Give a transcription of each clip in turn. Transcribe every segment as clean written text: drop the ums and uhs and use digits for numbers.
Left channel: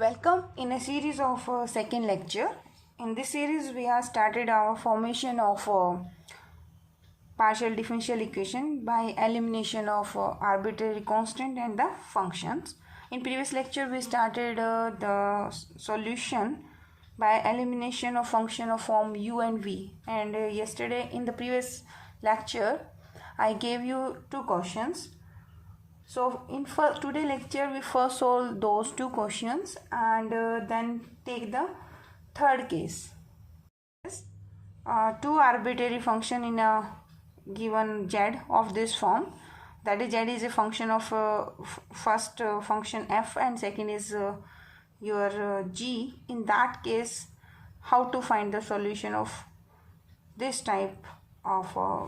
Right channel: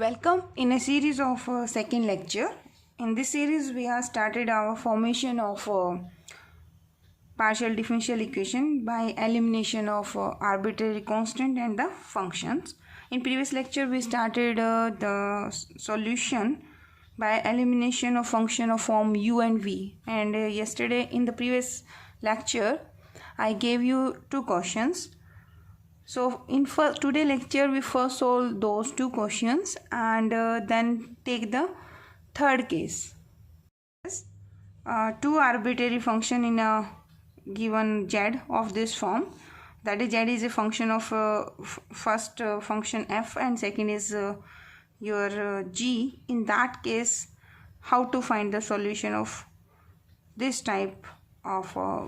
Welcome in a series of second lecture. In this series we have started our formation of partial differential equation by elimination of arbitrary constant and the functions. In previous lecture we started the solution by elimination of function of form u and v, and yesterday in the previous lecture I gave you two questions. So in today lecture we first solve those two questions and then take the third case. Two arbitrary function in a given z of this form, that is z is a function of first function f and second is your g. In that case, how to find the solution of this type of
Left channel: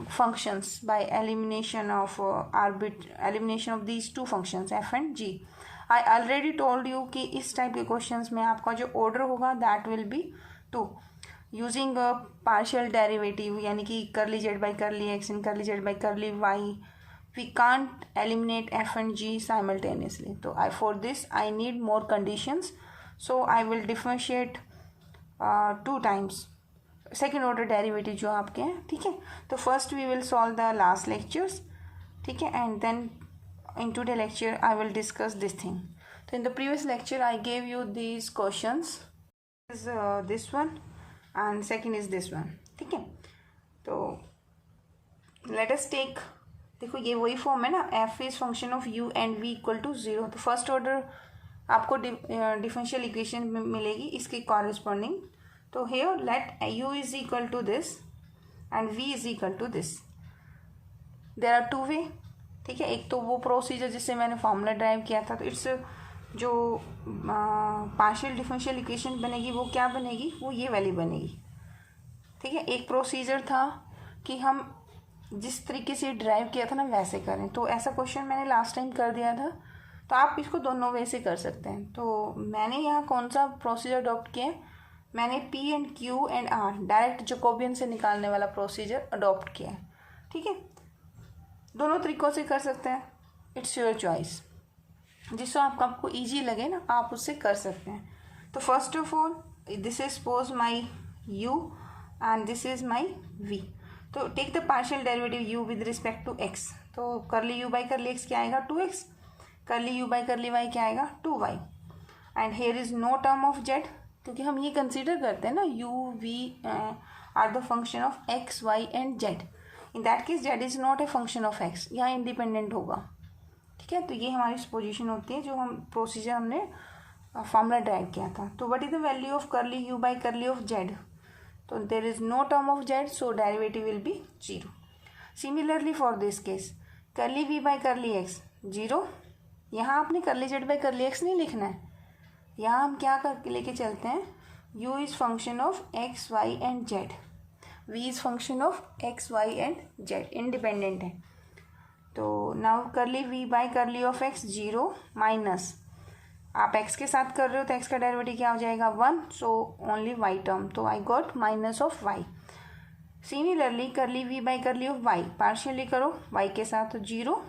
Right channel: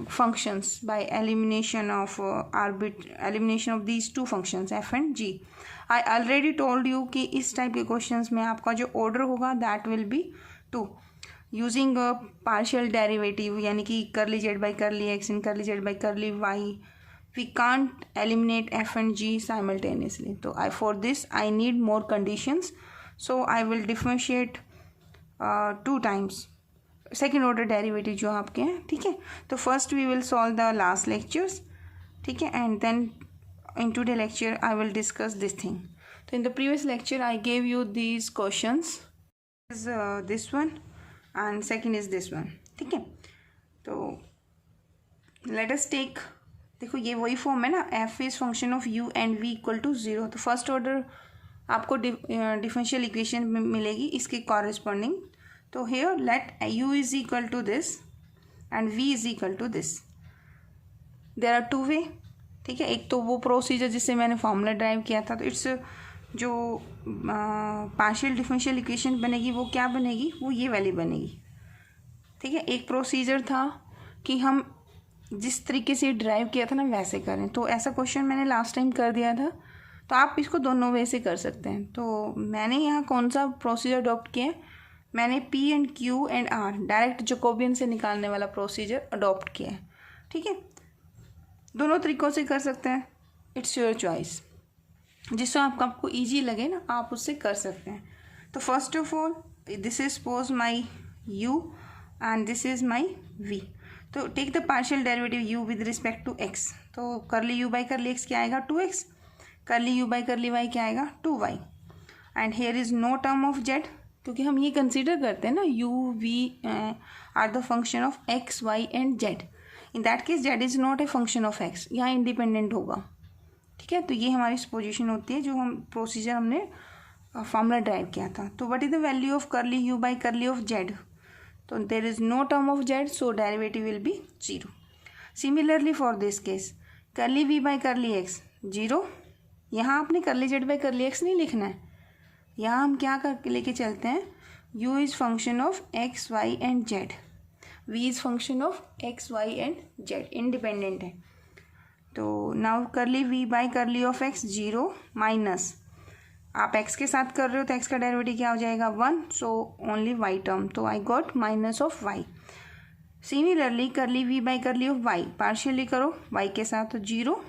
functions by elimination of elimination of these two functions f and g. I already told you कि इस type के questions में आपका जो order होगा that will be 2 using a partial derivative, यानी कि curly z by curly x and curly z by curly y. We can't eliminate f and g simultaneously. So for this I need more conditions. So I will differentiate 2 times second order derivative जो आपके हैं. ठीक है, तो first we will solve the last lectures. ठीक है, and then in today lecture I will discuss this thing. तो in the previous lecture I gave you these questions, is this one and second is this one. ठीक है, तो let us take, देखो ये वही form है ना, F is function of U and V equal to 0. तो फर्स्ट ऑर्डर आपको डिफरेंशियल इक्वेशन मिलेगी इसके कॉरेस्पॉन्डिंग. तो here let u is equal to this and v is equal to this. There are two way. ठीक है, एक तो वो प्रोसीजर जिससे मैंने फॉर्मूला ड्राइव किया था. तो इट्स जो पार्शियल डिफरेंशियल इक्वेशन बनेगी वो क्या बनेगी, वो ये वाली बनेगी. ठीक है, एक प्रोसीजर था कि हम जिस तरीके से ड्राइव किया था ना वैसे करें. तो ऐसा क्वेश्चन मैंने लास्ट टाइम कर दिया था, तो आप इसको दोनों वे से कर सकते हैं. तो मैंने यहाँ कौन सा प्रोसीजर अडॉप्ट किया है, मैंने P and Q and R direct Jacobian से निकालने वाला प्रोसीजर अडॉप्ट किया है. ठीक है, दोनों तरीक़ों से कर सकते हैं, इट्स योर चॉइस. जिससे आपको ईजी लगे ना आप उससे कर सकते हैं. तो first of all this is suppose my U and this is my V. तो take the partial derivative U with respect to x. तो करली U बाई करली x क्या आएगा 2x, करली U बाई करली y क्या आएगा 2y. And here is no term of z, क्योंकि हम ये कंसीडर करते हैं ना u v are the function of x y and z. In that case z is not a function of x, यहाँ इंडिपेंडेंट होगा. ठीक है, तो ये हमारी पोजीशन होती है जो हम प्रोसीजर हमने फॉर्मूला ड्राइव किया था. तो what is the value of curly u by curly of z. तो there is no term of z, so derivative will be 0. Similarly for this case curly v by curly x 0. यहाँ आपने करली z by curly x नहीं लिखना है, यहाँ हम क्या करके लेके चलते हैं, u is function of x y and z, v is function of x y and z, independent है. तो नाउ करली v by curly of x 0 minus, आप x के साथ कर रहे हो तो x का डेरिवेटिव क्या हो जाएगा 1, सो ओनली y टर्म. तो I got minus of y. Similarly curly v by curly of y partially करो y के साथ, तो 0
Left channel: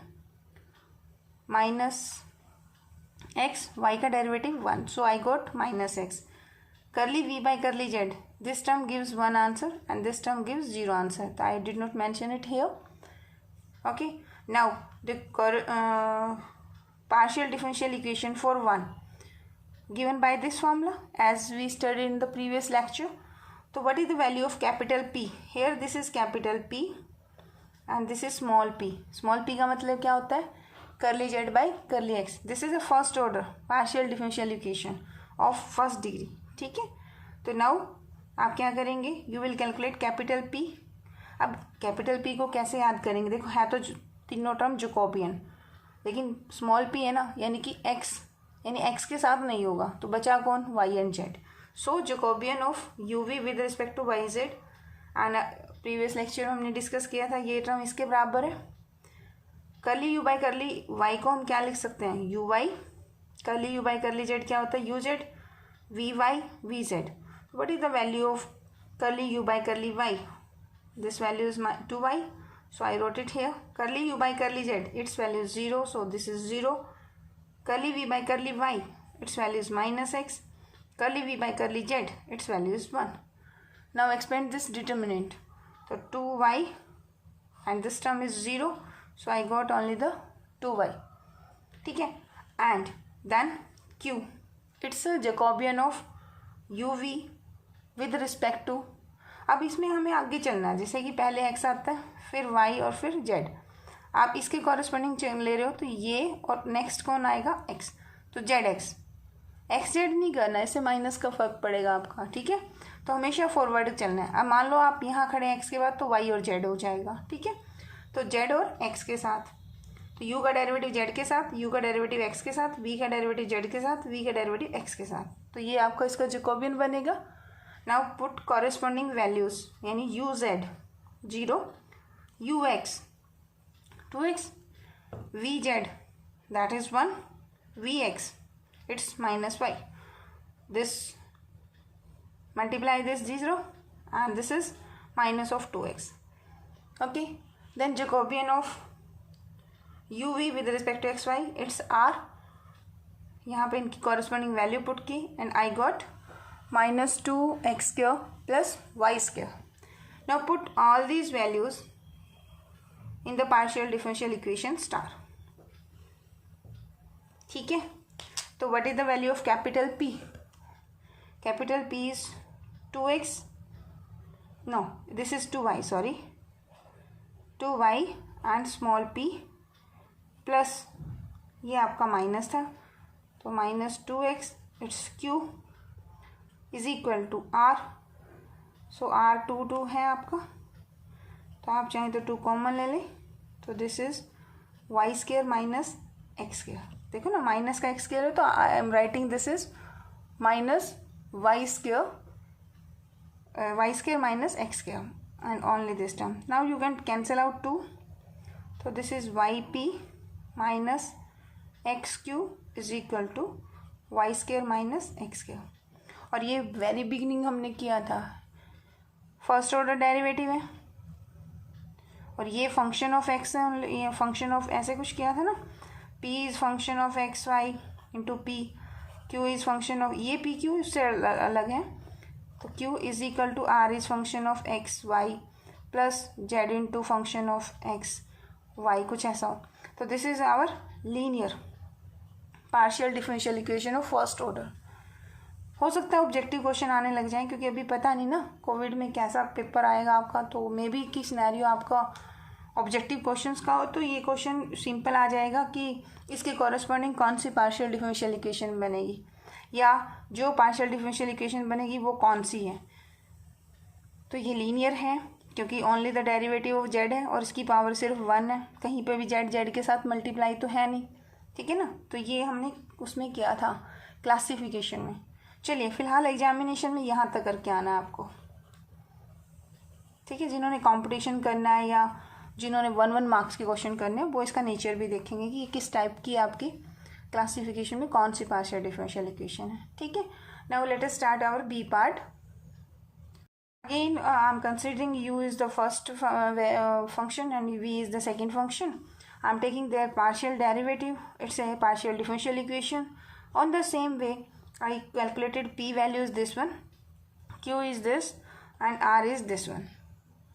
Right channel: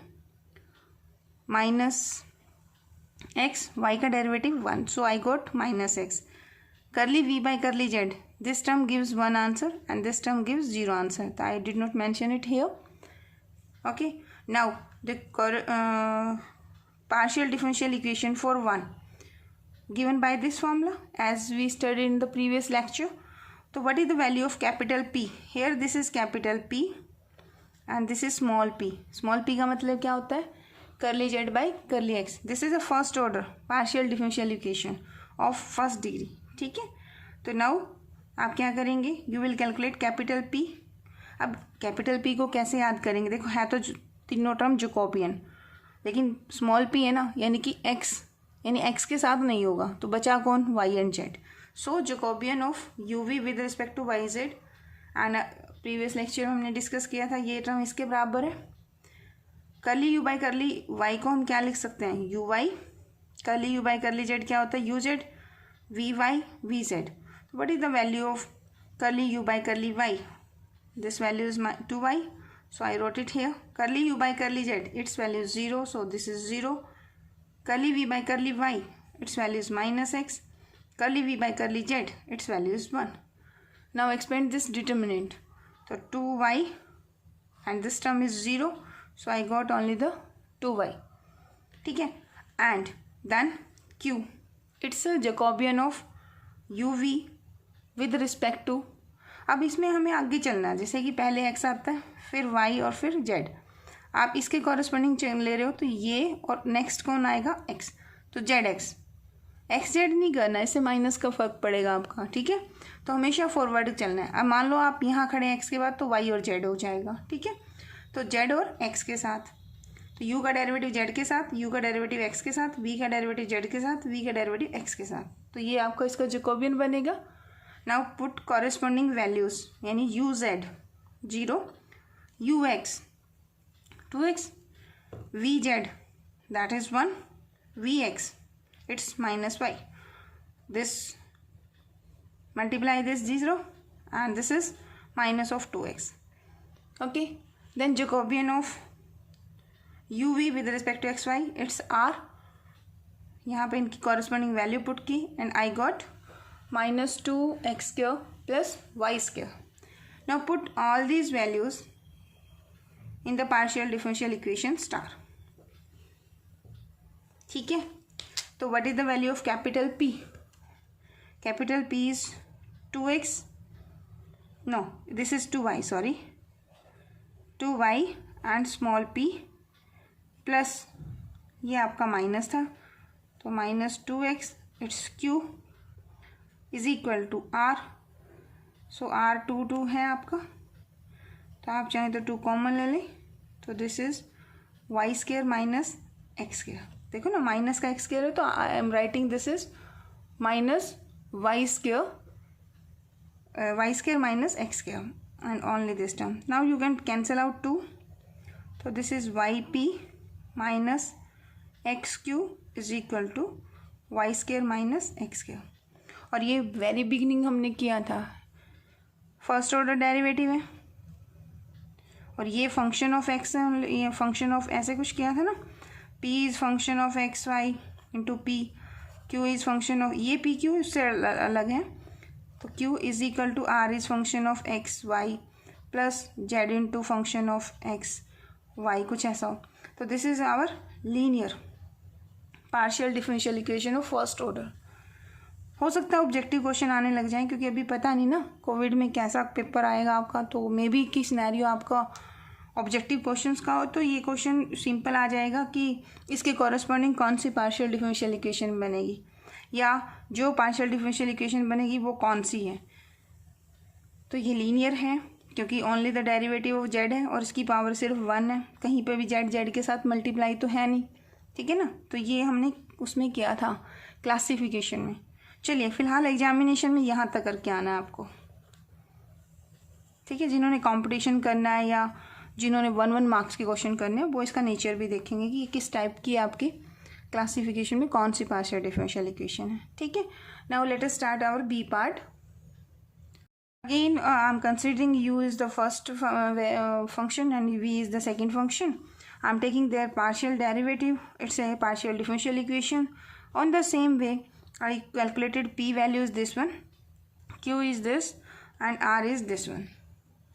माइनस x, y का derivative 1, so I got minus x. Curly v by curly z, this term gives 1 answer and this term gives 0 answer. I did not mention it here. Okay, now the partial differential equation for 1 given by this formula as we studied in the previous lecture. So what is the value of capital P? Here this is capital P and this is small p. Small p का मतलब क्या होता है, करली z by curly x. This is a first order partial differential equation of first degree. ठीक है, तो now आप क्या करेंगे, you will calculate capital P. अब कैपिटल P को कैसे याद करेंगे, देखो है तो तीनों टर्म जैकोबियन, लेकिन स्मॉल p है ना, यानी कि x, यानी x के साथ नहीं होगा, तो बचा कौन y and z. So Jacobian of u v with respect to y z. And previous lecture में हमने डिस्कस किया था ये टर्म इसके बराबर है. करली u बाई करली y को हम क्या लिख सकते हैं, u y. करली u बाई करली z क्या होता है, u z, v y v z. What is the value of curly u by करली y, this value is 2y, so I wrote it here. करली u बाई करली z, it's value 0, so this is 0. curly v by curly y, its value is minus x. Curly v by curly z, its value is 1. Now expand this determinant. So 2y and this term is 0. So I got only the 2y. ठीक है. And then q. It's a Jacobian of uv with respect to. अब इसमें हमें आगे चलना है. जैसे कि पहले x आता है, फिर y और फिर z. आप इसके कॉरेस्पॉन्डिंग ले रहे हो तो ये और नेक्स्ट कौन आएगा x. तो जेड एक्स. एक्स जेड नहीं करना, इससे माइनस का फर्क पड़ेगा आपका. ठीक है. तो हमेशा फॉरवर्ड चलना है. अब मान लो आप यहाँ खड़े हैं x के बाद, तो y और z हो जाएगा. ठीक है. तो z और x के साथ, तो u का डेरिवेटिव z के साथ, u का डेरिवेटिव x के साथ, v का डेरिवेटिव z के साथ, v का डेरिवेटिव x के साथ. तो ये आपका इसका जैकोबियन बनेगा. नाउ पुट कॉरेस्पॉन्डिंग वैल्यूज, यानी u z 0, u x 2x, v z that is 1, v x it's minus y. This multiply this 0 and this is minus of 2x. Okay. Then Jacobian of uv with respect to xy, it's r. यहाँ पे इनकी corresponding value put की and I got minus 2x square plus y square. Now put all these values in the partial differential equation star. ठीक है. तो what is the value of capital P? Capital P is 2x. No, this is 2y, sorry. 2y and small p plus ये आपका minus था, तो minus 2x it's q is equal to r. So r 2 है आपका, तो आप चाहें तो 2 कॉमन ले लें. तो this is y square minus x square. देखो ना, माइनस का एक्स स्क्वेयर है, तो I am writing this is minus y square minus x square and only this term. Now you can cancel out 2. So this is yp minus xq is equal to y square minus x square. और ये very beginning हमने किया था, first order derivative है, और ये function of x है, ये फंक्शन ऑफ ऐसे कुछ किया था ना. p is function of x y into p, q is function of, ये पी क्यू इससे अलग है. तो q is equal to r is function of x y plus z into function of x y, कुछ ऐसा हो. तो this is our linear partial differential equation of first order. हो सकता है ऑब्जेक्टिव क्वेश्चन आने लग जाए, क्योंकि अभी पता नहीं ना कोविड में कैसा पेपर आएगा आपका. तो मे बी की सिनेरियो आपका ऑब्जेक्टिव क्वेश्चंस का हो, तो ये क्वेश्चन सिंपल आ जाएगा कि इसके कॉरेस्पॉन्डिंग कौन सी पार्शियल डिफरेंशियल इक्वेशन बनेगी, या जो पार्शियल डिफरेंशियल इक्वेशन बनेगी वो कौन सी है. तो ये लीनियर है क्योंकि only the derivative of Z है और इसकी पावर सिर्फ 1 है. कहीं पे भी जेड जेड के साथ मल्टीप्लाई तो है नहीं. ठीक है ना. तो ये हमने उसमें किया था क्लासिफिकेशन में. चलिए फिलहाल एग्जामिनेशन में यहाँ तक करके आना है आपको. ठीक है. जिन्होंने कंपटीशन करना है या जिन्होंने 1 मार्क्स के क्वेश्चन करने हैं, वो इसका नेचर भी देखेंगे कि किस टाइप की आपकी क्लासिफिकेशन में कौन सी पार्शियल डिफरेंशियल इक्वेशन है. ठीक है. Now let us start our B part. Again, I'm considering u is the first function and v is the second function. I'm taking their partial derivative. It's a partial differential equation. On the same way, I calculated p value is this one, q is this, and r is this one.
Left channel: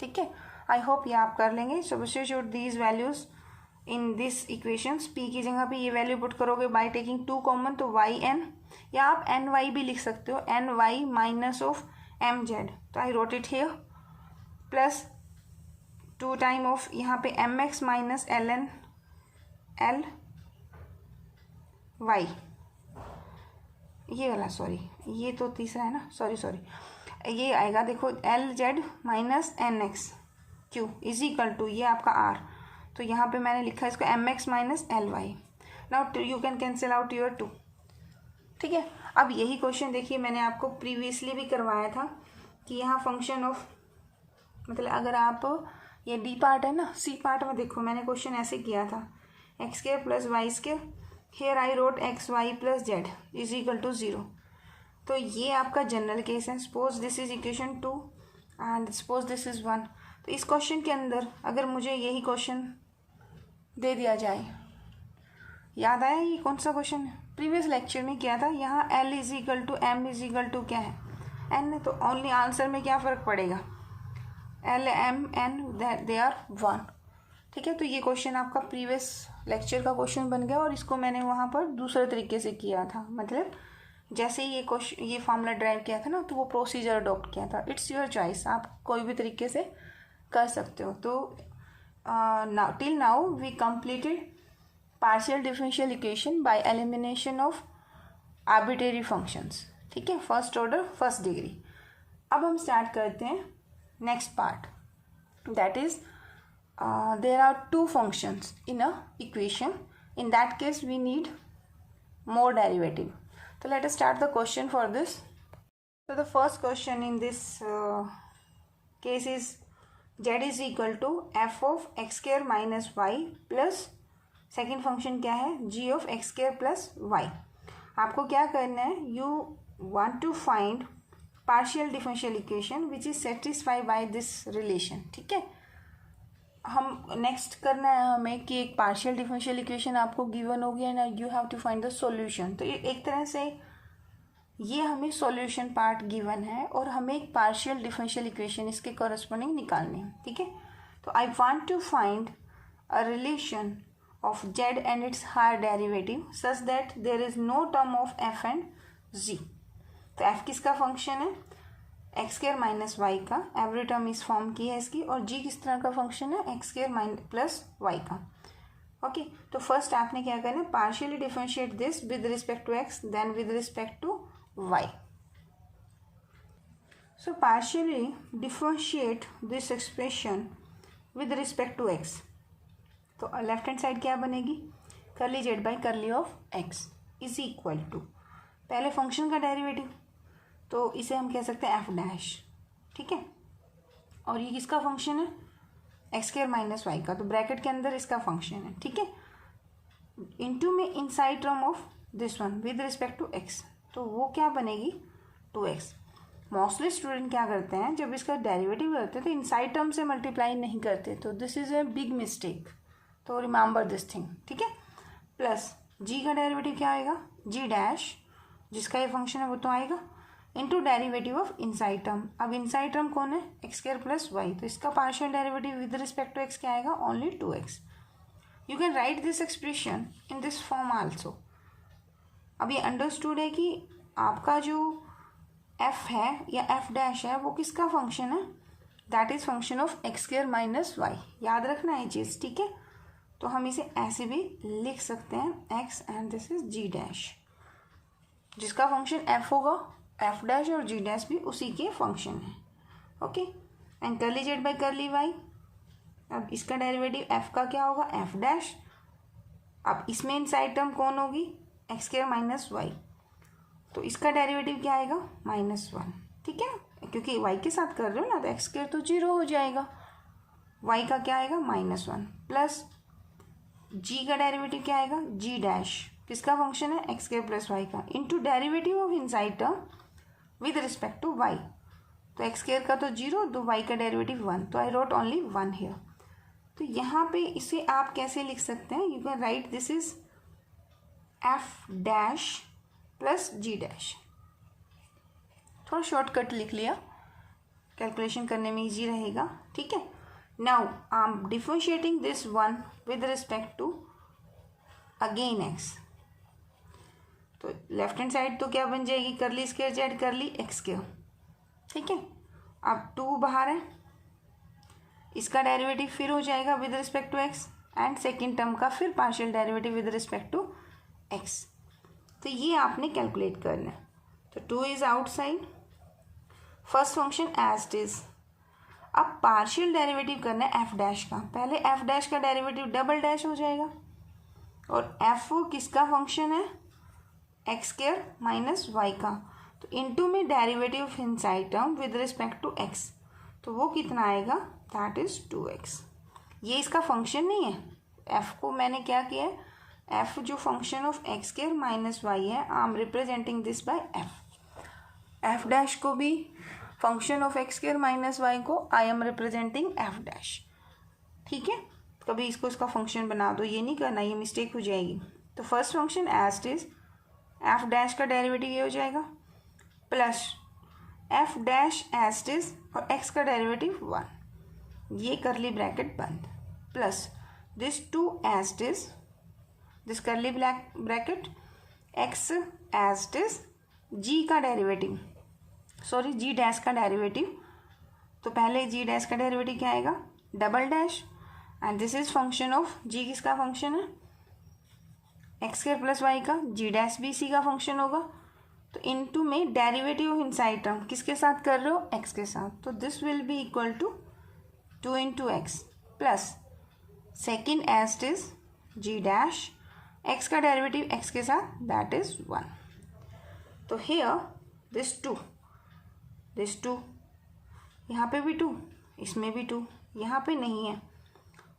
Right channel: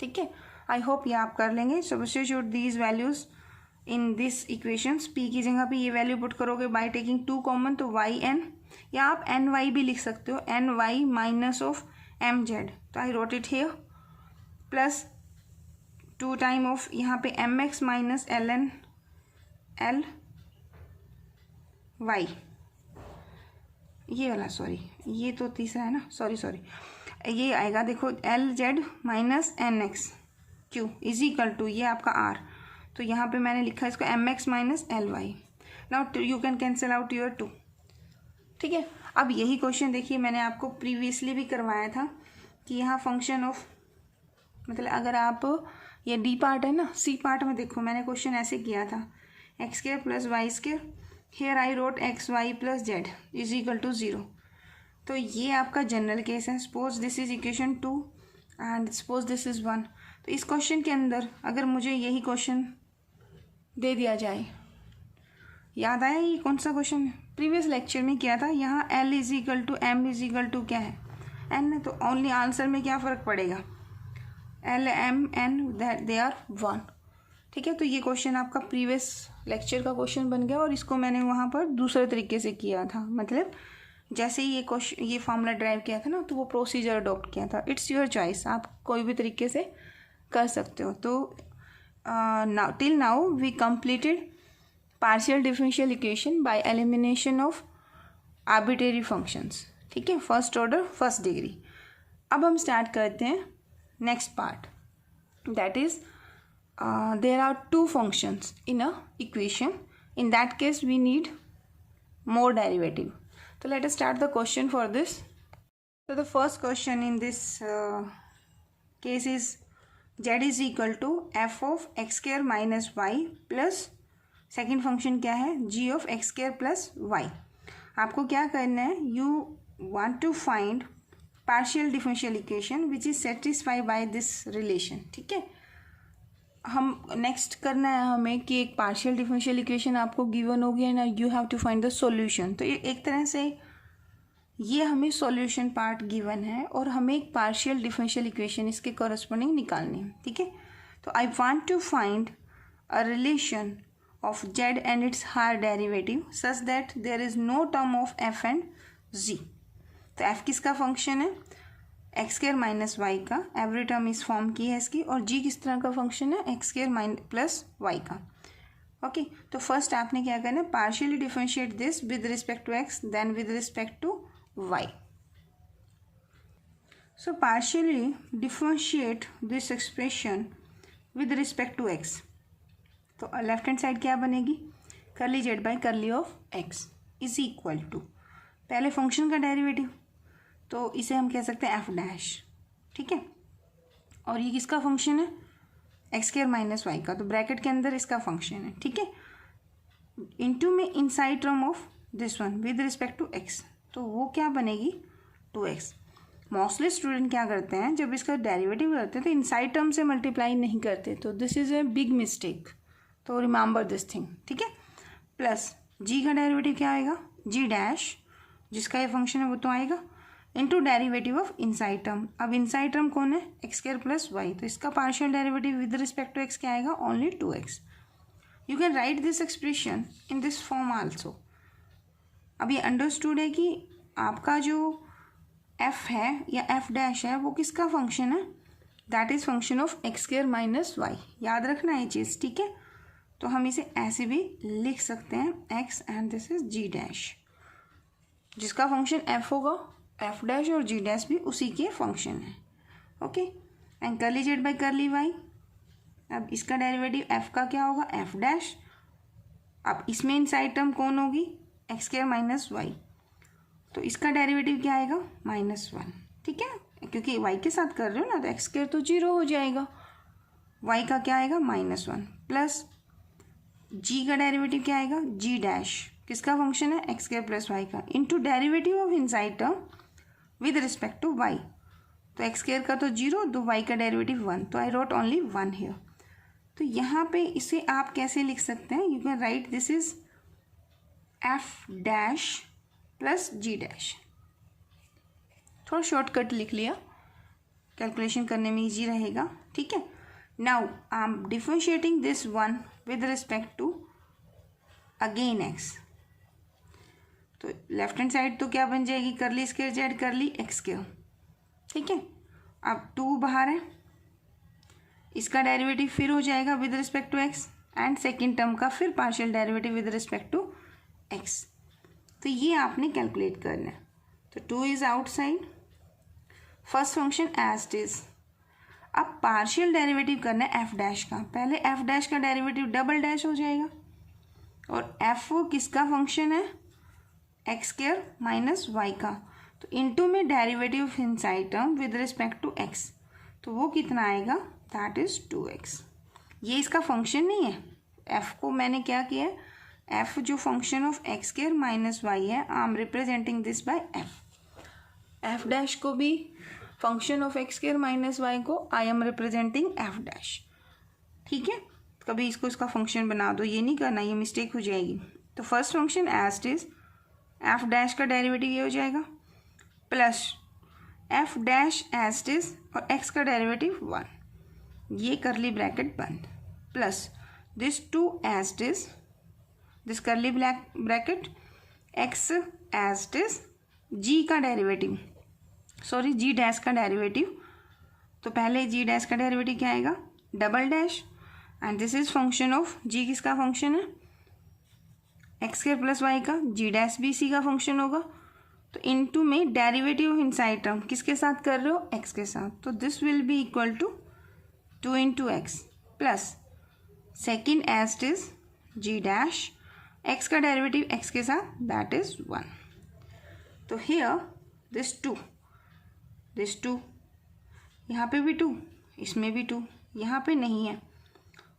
ठीक है. I hope ये आप कर लेंगे. Substitute these values in this equations. p की जगह पे ये वैल्यू पुट करोगे by taking 2 कॉमन, तो yn, या आप ny भी लिख सकते हो, ny माइनस ऑफ mz. तो I wrote it here plus 2 time of यहाँ पे mx minus ln l y, ये वाला, सॉरी ये तो तीसरा है ना, सॉरी ये आएगा. देखो lz minus nx q is equal to ये आपका r. तो यहाँ पे मैंने लिखा है इसको mx minus ly. Now you can cancel out your 2. ठीक है. अब यही क्वेश्चन देखिए, मैंने आपको प्रीवियसली भी करवाया था कि यहाँ फंक्शन ऑफ, मतलब अगर आप ये डी पार्ट है ना, सी पार्ट में देखो मैंने क्वेश्चन ऐसे किया था, x square plus y square, here I wrote x y plus z is equal to 0. तो ये आपका जनरल केस है. Suppose this is equation 2 and suppose this is 1. तो इस क्वेश्चन के अंदर अगर मुझे यही क्वेश्चन दे दिया जाए, याद आया ये कौन सा क्वेश्चन है, प्रीवियस लेक्चर में क्या था, यहाँ L is equal to M is equal to क्या है, N है, तो ओनली आंसर में क्या फ़र्क पड़ेगा, L M N they are 1। ठीक है, तो ये क्वेश्चन आपका प्रीवियस लेक्चर का क्वेश्चन बन गया और इसको मैंने वहाँ पर दूसरे तरीके से किया था, मतलब जैसे ही ये फॉर्मूला ड्राइव किया था ना, तो वो प्रोसीजर अडॉप्ट किया था। इट्स योर चॉइस, आप कोई भी तरीके से कर सकते हो। तो till now we completed partial differential equation by elimination of arbitrary functions. ठीक है, फर्स्ट ऑर्डर फर्स्ट डिग्री। अब हम स्टार्ट करते हैं next part, that is there are two functions in a equation, in that case we need more derivative. So let us start the question for this. So the first question in this case is z is equal to f of x square minus y plus second function क्या है, g of x square plus y. आपको क्या करना है, you want to find partial differential equation which is satisfied by this relation. ठीक है, हम next करना है हमें कि एक पार्शियल डिफरेंशियल इक्वेशन आपको गिवन होगी and you have to find the solution. तो ये एक तरह से ये हमें सॉल्यूशन पार्ट गिवन है और हमें एक पार्शियल डिफरेंशियल इक्वेशन इसके कॉरस्पॉन्डिंग निकालनी है। ठीक है, तो I want to find a relation of Z and its higher derivative such that there is no term of F and G. तो एफ किसका फंक्शन है, एक्स स्क्वायर माइनस वाई का, एवरी टर्म इस फॉर्म की है इसकी, और जी किस तरह का फंक्शन है, एक्स स्क्वायर प्लस वाई का। ओके, तो फर्स्ट आपने क्या करना है, partially differentiate this with respect to x then with respect to y. So partially differentiate this expression with respect to x, तो लेफ्ट हैंड साइड क्या बनेगी, curly z by curly of x is equal to पहले function का derivative, तो इसे हम कह सकते हैं एफ डैश। ठीक है, और ये किसका फंक्शन है, एक्स स्क्वायर माइनस वाई का, तो ब्रैकेट के अंदर इसका फंक्शन है। ठीक है, इनटू में inside term of this one with respect to x, तो वो क्या बनेगी 2x। मोस्टली स्टूडेंट क्या करते हैं, जब इसका डेरिवेटिव करते हैं तो इनसाइड टर्म से मल्टीप्लाई नहीं करते, तो this is a big mistake, तो रिमेंबर दिस थिंग। ठीक है, प्लस जी का डेरिवेटिव क्या आएगा, जी डैश, जिसका ये फंक्शन है वो तो आएगा, into derivative of inside term. अब इनसाइड टर्म कौन है, एक्स स्क्वायर प्लस वाई, तो इसका partial derivative with respect to x क्या आएगा, only 2x। You can write this expression in this form also. अब ये अंडरस्टूड है कि आपका जो f है या f डैश है वो किसका फंक्शन है, that is function of x square minus y, याद रखना ये चीज़। ठीक है, तो हम इसे ऐसे भी लिख सकते हैं, x and this is g dash, जिसका फंक्शन f होगा, एफ डैश और जी डैश भी उसी के फंक्शन है। Okay, and curly z by curly y, अब इसका डेरिवेटिव एफ का क्या होगा, एफ डैश, अब इसमें इनसाइड टर्म कौन होगी, एक्स स्क्वायर माइनस वाई, तो इसका डेरिवेटिव क्या आएगा, -1। ठीक है, क्योंकि वाई के साथ कर रहे हो ना, तो एक्स स्क्वायर तो 0 हो जाएगा, वाई का क्या आएगा -1, प्लस जी का डेरिवेटिव क्या आएगा, जी डैश, किसका फंक्शन है, एक्स स्क्वायर प्लस वाई का, into derivative of inside term with respect to y, तो एक्स स्क्वायर का तो 0, तो वाई का डेरिवेटिव 1, तो आई रोट ओनली 1 हियर। तो यहाँ पे इसे आप कैसे लिख सकते हैं, you can write this is F dash plus g dash, थोड़ा शॉर्टकट लिख लिया, कैलकुलेशन करने में इजी रहेगा। ठीक है, now I am differentiating this one with respect to again x, तो लेफ्ट हैंड साइड तो क्या बन जाएगी, curly square Z curly x square. ठीक है, अब 2 बाहर है, इसका डेरिवेटिव फिर हो जाएगा with respect to x, and second term का फिर partial derivative with respect to x, तो ये आपने कैलकुलेट करना है। तो 2 is outside, first function as it is. अब पार्शियल डेरिवेटिव करना है एफ डैश का, पहले एफ डैश का डेरिवेटिव डबल डैश हो जाएगा, और एफ किसका फंक्शन है, एक्स स्क्वायर माइनस वाई का, तो इनटू में derivative of inside term with respect to x, तो वो कितना आएगा, दैट इज 2x। ये इसका फंक्शन नहीं है, एफ को मैंने क्या किया है, एफ जो function of x square minus Y है, I am representing this by F. F dash को भी function of x square minus Y को I am representing F dash. ठीक है, कभी इसको इसका फंक्शन बना दो, ये नहीं करना, ये मिस्टेक हो जाएगी। तो first function as it is F dash का डेरिवेटिव ये हो जाएगा plus F dash as it is और एक्स का डेरिवेटिव 1, ये करली ब्रैकेट बंद, plus this 2 as it is, this curly bracket X as it is, G का derivative, sorry G dash का डेरिवेटिव, तो पहले जी डैश का डेरिवेटिव क्या आएगा double dash, and this is function of G, किसका function है एक्स स्क्वायर प्लस वाई का, जी डैश भी सी का फंक्शन होगा, तो इनटू में डेरिवेटिव इनसाइड टर्म किसके साथ कर रहे हो एक्स के साथ, तो this will be equal to 2 into x plus second as it is g dash, x का डेरिवेटिव एक्स के साथ दैट इज 1, तो हियर दिस 2 यहाँ पे भी 2, इसमें भी 2, यहाँ पे नहीं है,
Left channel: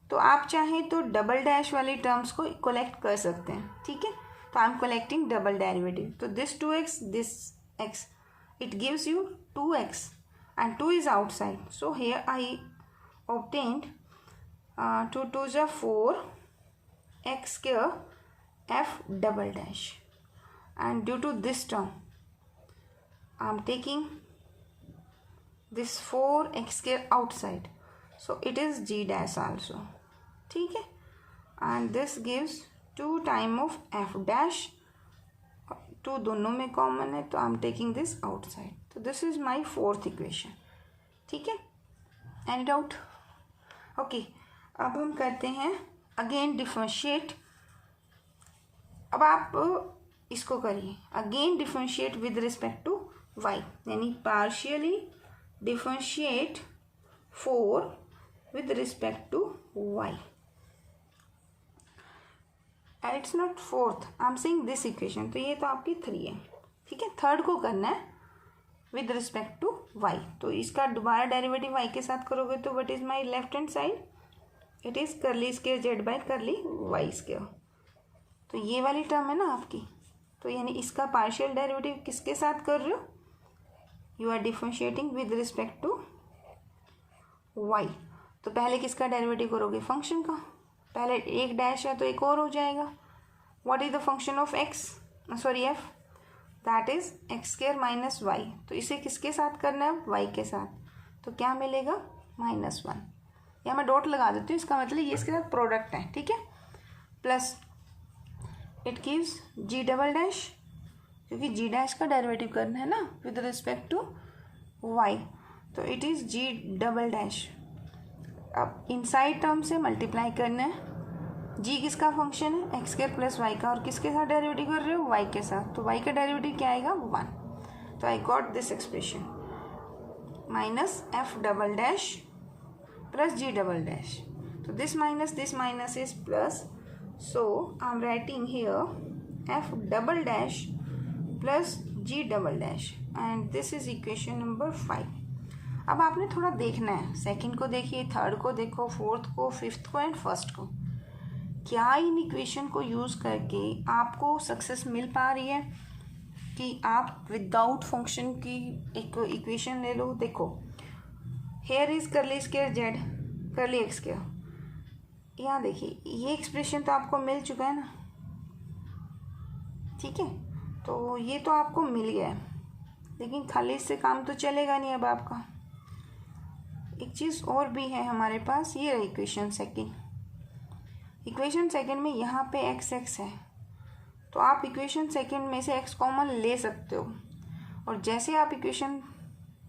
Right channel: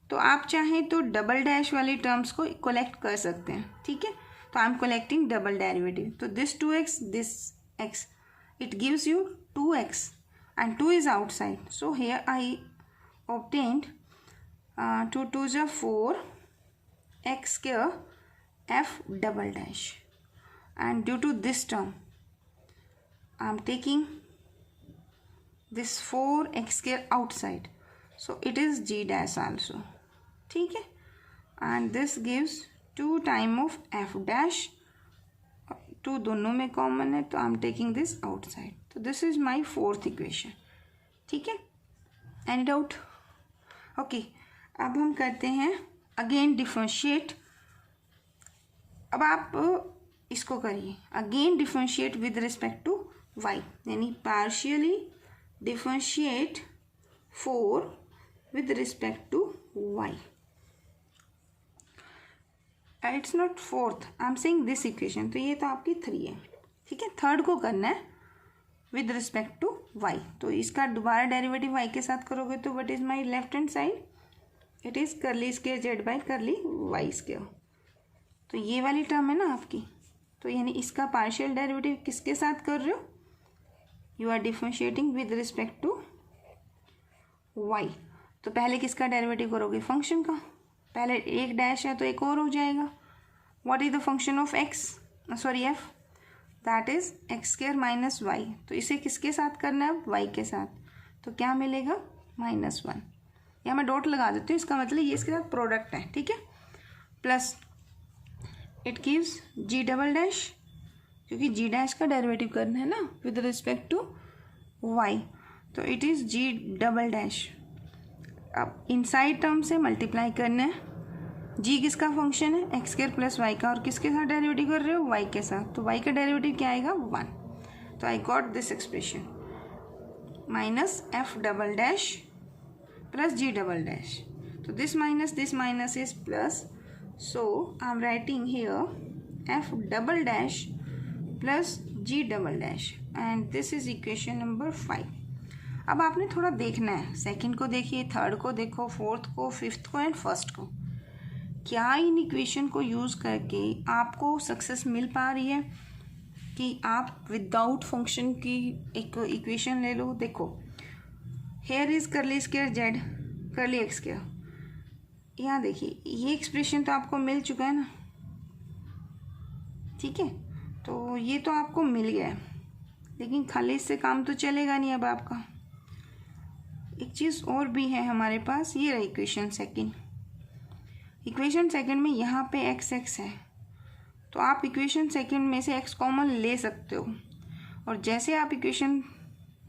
तो आप चाहें तो डबल डैश वाली टर्म्स को कलेक्ट कर सकते हैं, ठीक है, तो I am collecting double derivative, तो this 2x this x it gives you 2x and 2 is outside, so here I obtained 2 2s are 4 x square f double dash, and due to this term I am taking this 4x square outside, so it is g dash also, ठीक है, and this gives 2 time of F dash, 2 दोनों में common है तो I am taking this outside, तो this is my fourth equation, ठीक है, any doubt? Okay, अब हम करते हैं अगेन डिफरेंशिएट, अब आप इसको करिए again differentiate with respect to Y, यानी partially differentiate 4 with respect to Y, it's not fourth, I am saying this equation, तो ये तो आपकी 3 है, ठीक है, थर्ड को करना है विद रिस्पेक्ट टू वाई, तो इसका दोबारा डेरिवेटिव वाई के साथ करोगे तो what is my left hand side, it is curly square Z by curly Y square, तो ये वाली टर्म है ना आपकी, तो यानी इसका पार्शियल डेरिवेटिव किसके साथ कर रहे हो, you are differentiating with respect to y, तो पहले किसका डेरिवेटिव करोगे फंक्शन का, पहले एक डैश है तो एक और हो जाएगा, what is the function of x, sorry f, that is x square minus y, तो इसे किसके साथ करना है वाई के साथ, तो क्या मिलेगा -1, या मैं डॉट लगा देती हूँ, इसका मतलब ये इसके साथ प्रोडक्ट है, ठीक है, plus it gives g double dash, क्योंकि जी डैश का डेरिवेटिव करना है ना विद रिस्पेक्ट टू वाई, तो it is g double dash, अब इनसाइड टर्म से मल्टीप्लाई करना है, जी किसका फंक्शन है एक्स स्क्वायर प्लस वाई का, और किसके साथ डेरिवेटिव कर रहे हो वाई के साथ, तो वाई का डेरिवेटिव क्या आएगा 1, तो I got this expression minus F double dash plus G double dash, तो this minus is plus, so I am writing here F double dash plus G double dash, and this is equation number 5। अब आपने थोड़ा देखना है, second को देखिए, third को देखो, फोर्थ को, फिफ्थ को एंड फर्स्ट को, क्या इन इक्वेशन को यूज़ करके आपको सक्सेस मिल पा रही है कि आप विदाउट फंक्शन की एक इक्वेशन ले लो। देखो, here is curly square z curly x square, यहाँ देखिए ये एक्सप्रेशन तो आपको मिल चुका है ना, ठीक है, तो ये तो आपको मिल गया है, लेकिन खाली इससे काम तो चलेगा नहीं। अब आपका एक चीज़ और भी है हमारे पास, ये रही इक्वेशन सेकंड। इक्वेशन सेकंड में यहाँ पे एक्स एक्स है, तो आप इक्वेशन सेकंड में से एक्स कॉमन ले सकते हो, और जैसे आप इक्वेशन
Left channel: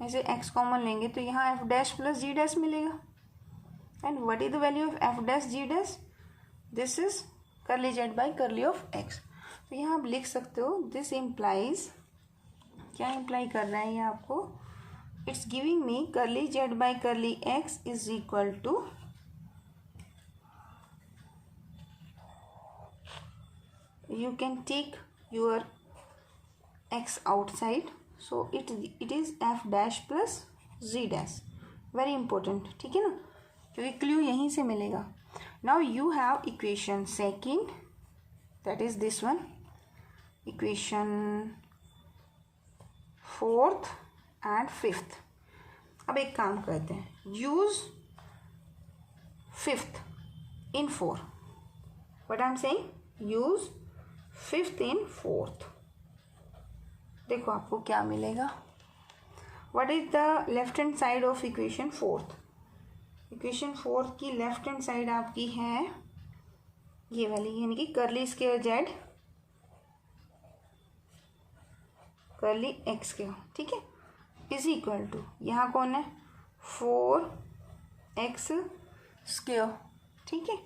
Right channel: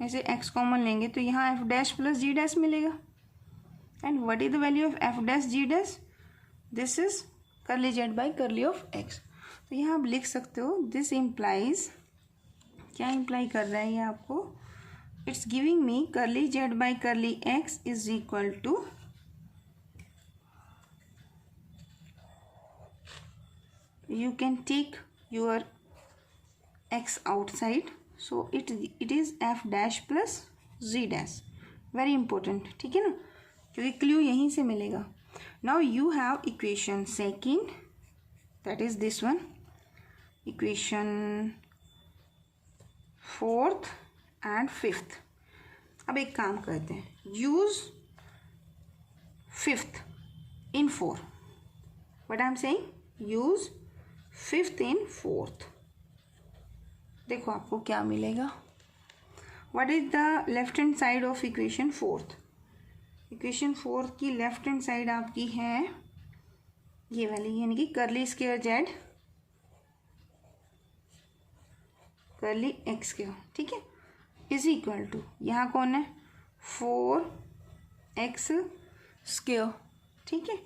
में से एक्स कॉमन लेंगे तो यहाँ f dash plus g dash मिलेगा, and what is the value of F dash g dash, this is curly z by curly of x. तो यहाँ आप लिख सकते हो दिस इम्प्लाइज, क्या इम्प्लाई कर रहा है ये आपको, it's giving me curly z by curly x is equal to you can take your x outside, so it is f dash plus z dash, very important, ठीक है ना, क्योंकि क्लू यहीं से मिलेगा। now you have equation second, that is this one, equation fourth and fifth। अब एक काम करते हैं, use fifth in 4, what I am saying, use fifth in fourth, देखो आपको क्या मिलेगा. What is the left hand side of equation fourth. Equation fourth की लेफ्ट हैंड साइड आपकी है ये वाली, यानी कि curly square Z curly x square. ठीक है, इज इक्वल टू यहाँ कौन है 4x स्क्वायर. ठीक है,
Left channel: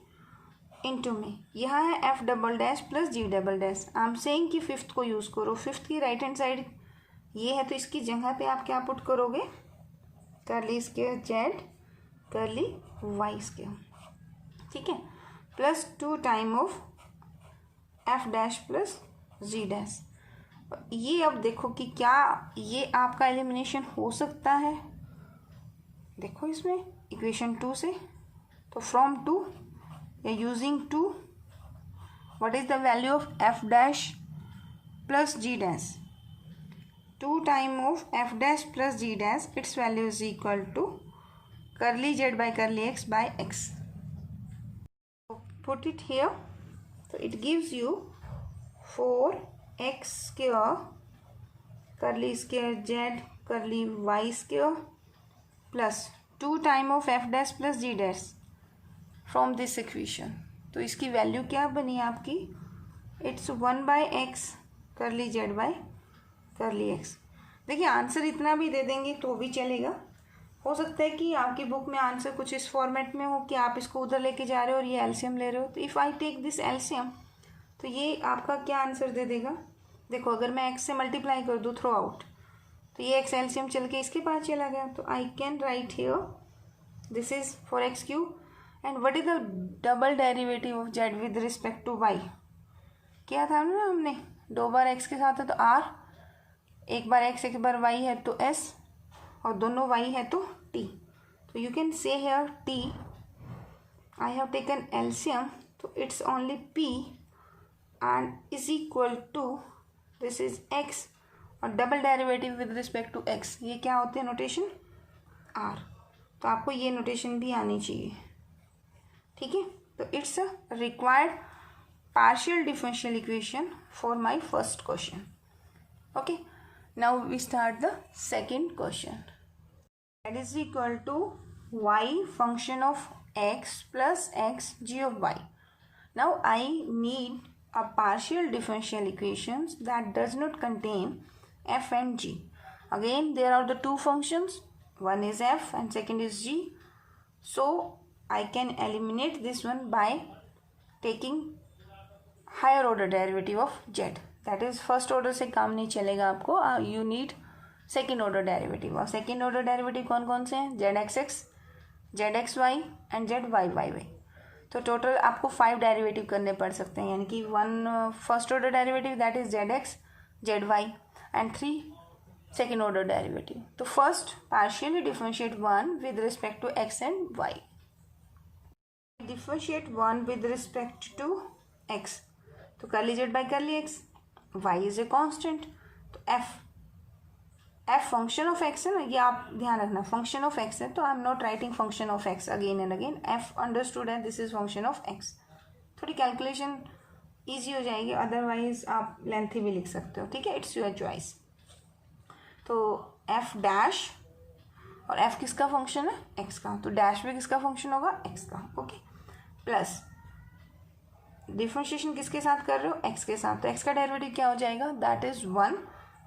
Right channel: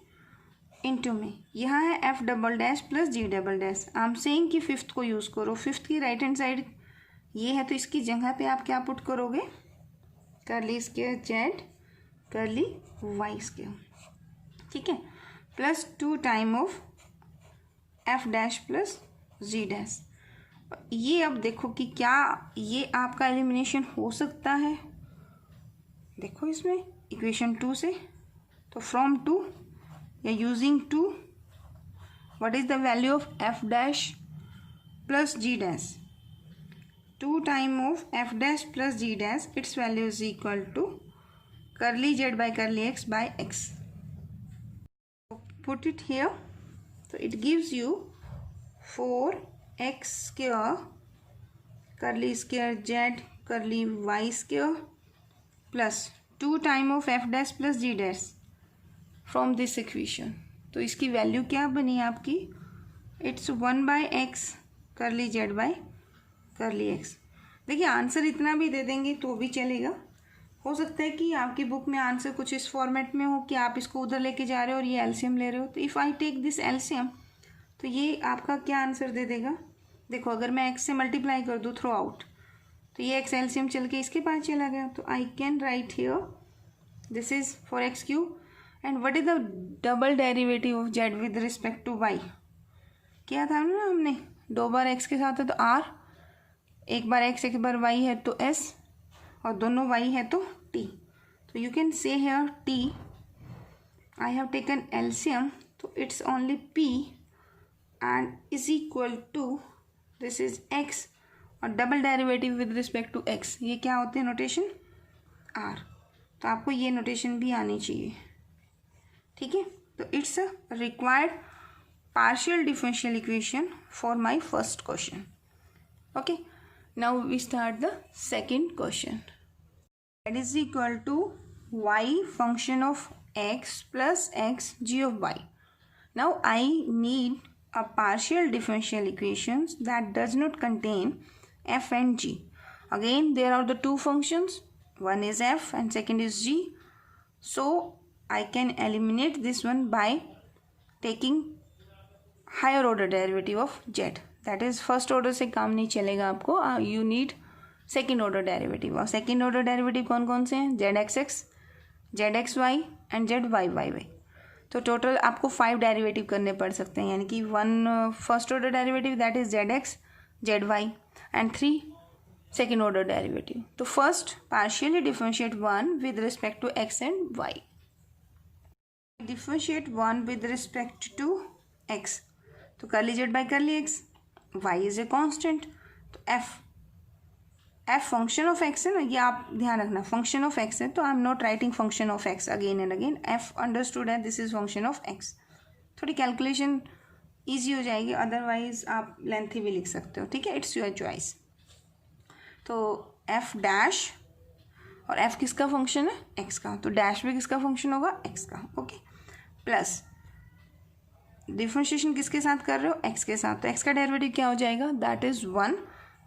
इंटू में यहाँ है f double dash plus g double dash. I am saying कि फिफ्थ को यूज़ करो. फिफ्थ की राइट हैंड साइड ये है, तो इसकी जगह पे आप क्या पुट करोगे curly square Z curly Y square. ठीक है, plus 2 time of f dash plus g dash. ये अब देखो कि क्या ये आपका एलिमिनेशन हो सकता है. देखो इसमें इक्वेशन 2 से, तो फ्रॉम 2 या using 2 what is the value of f dash plus g dash. 2 time of f dash plus g dash, it's value is equal to curly z by curly x by x. Put it here, तो it gives you 4x square curly square Z curly Y square plus 2 time of f dash plus g dash from this equation. तो इसकी value क्या बनी आपकी, it's 1 by x curly z by curly x. देखिए answer इतना भी दे देंगे तो भी चलेगा. हो सकता है कि आपकी बुक में आंसर कुछ इस फॉर्मेट में हो कि आप इसको उधर लेके जा रहे हो और ये एलसीएम ले रहे हो. तो if I take this LCM तो ये आपका क्या आंसर दे देगा. देखो अगर मैं x से मल्टीप्लाई कर दूँ थ्रू आउट, तो ये x एलसीएम चल के इसके पास चला गया. तो I can write here this is four x cube. And what is the double derivative of z with respect to y. क्या था ना हमने, 2 बार x के साथ है तो r, एक बार x एक बार y है तो s, और दोनों y है तो t. तो you can see here t, I have taken LCM, तो it's only p and is equal to this is x और double derivative with respect to x, ये क्या होते हैं नोटेशन r. तो आपको ये नोटेशन भी आनी चाहिए. ठीक है, तो it's a required partial differential equation for my first question. Okay, now we start the second question. That is equal to y function of x plus x g of y. Now I need a partial differential equations that does not contain f and g. Again there are the two functions, one is f and second is g. So I can eliminate this one by taking higher order derivative of z. That is first order से काम नहीं चलेगा आपको. You need second order derivative. और second order derivative कौन कौन से हैं, zxx, zxy and zyy. तो टोटल आपको 5 डेरिवेटिव करने पड़ सकते हैं, यानी कि 1 first order derivative that is zx zy and 3 second order derivative. तो first partially differentiate 1 with respect to x and y. Differentiate 1 with respect to x, तो curly z by curly x, y is a constant. तो f function of x है ना, ये आप ध्यान रखना, function of x है. तो I am not writing function of x again and again. f understood है, this is function of x. थोड़ी कैलकुलेशन इजी हो जाएगी, अदरवाइज आप लेंथी भी लिख सकते हो. ठीक है, इट्स योर चॉइस. तो f डैश, और f किसका फंक्शन है, x का, तो डैश भी किसका फंक्शन होगा, x का. ओके, प्लस डिफरेंशिएशन किसके साथ कर रहे हो, x के साथ. तो x का डेरिवेटिव क्या हो जाएगा, दैट इज 1.